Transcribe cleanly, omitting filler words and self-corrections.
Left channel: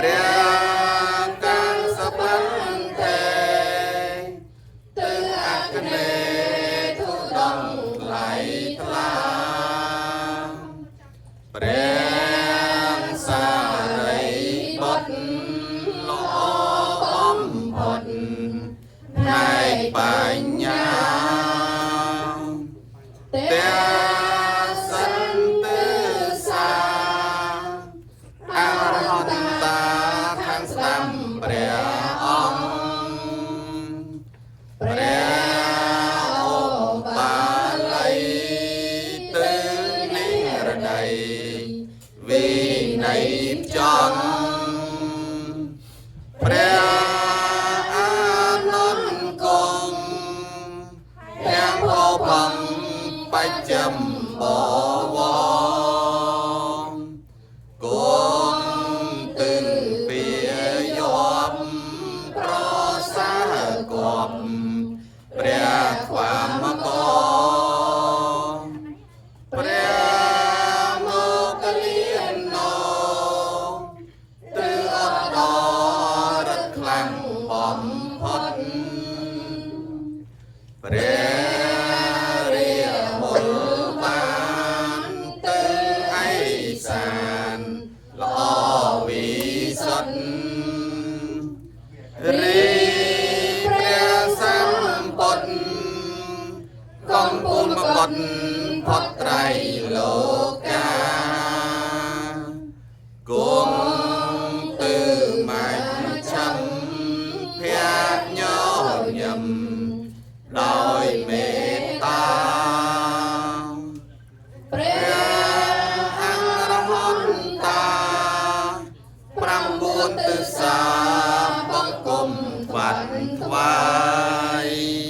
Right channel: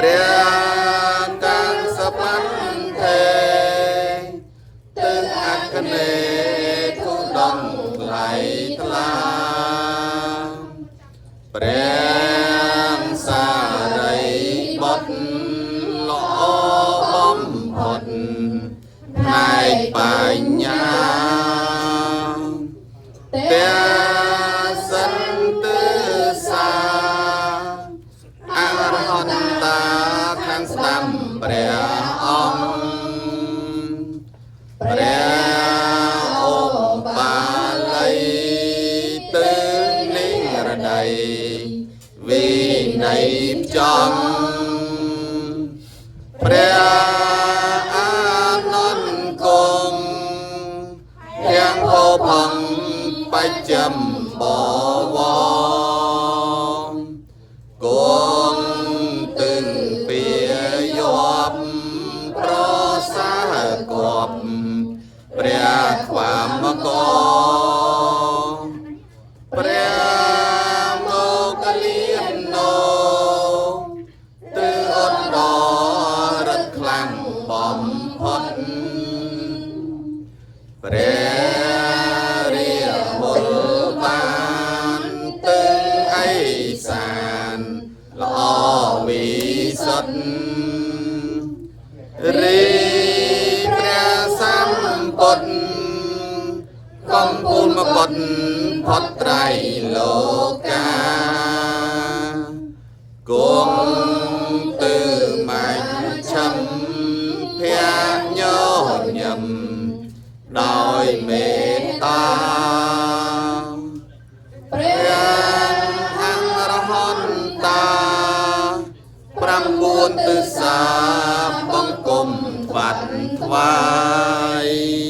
ព្រះកាំងសបាត់ថេទឹកអក្នេទុដំថ្លៃថ្លាព្រះសារីបុត្រល្អបំផុតផ្នែកបញ្ញាព្រះសន្តិសាអរហន្តតាខាងស្ដាំព្រះអង្គព្រះឧបាល័យទើនិរណីវិន័យចង់ព្រះអានន្ទគង់ទាំងហោផំបច្ចំបវងគង់ទឹងពីយប់ប្រសាគប់ព្រះខ្វាមកព្រះមកលៀនណោទើអត់ដរត់ខ្លាំងបំផុតព្រះរាវលបានទឹងឯសានល្អវិសុទ្ធរីព្រះសម្ពុទ្ធកំពូលមកបត់ផុតត្រៃលោកាគង់ទើមាញ់ឆំភៈញញឹមដោយមេត្តាព្រះអរហន្តតា9ទិសាបង្គំវត្តថ្វាយ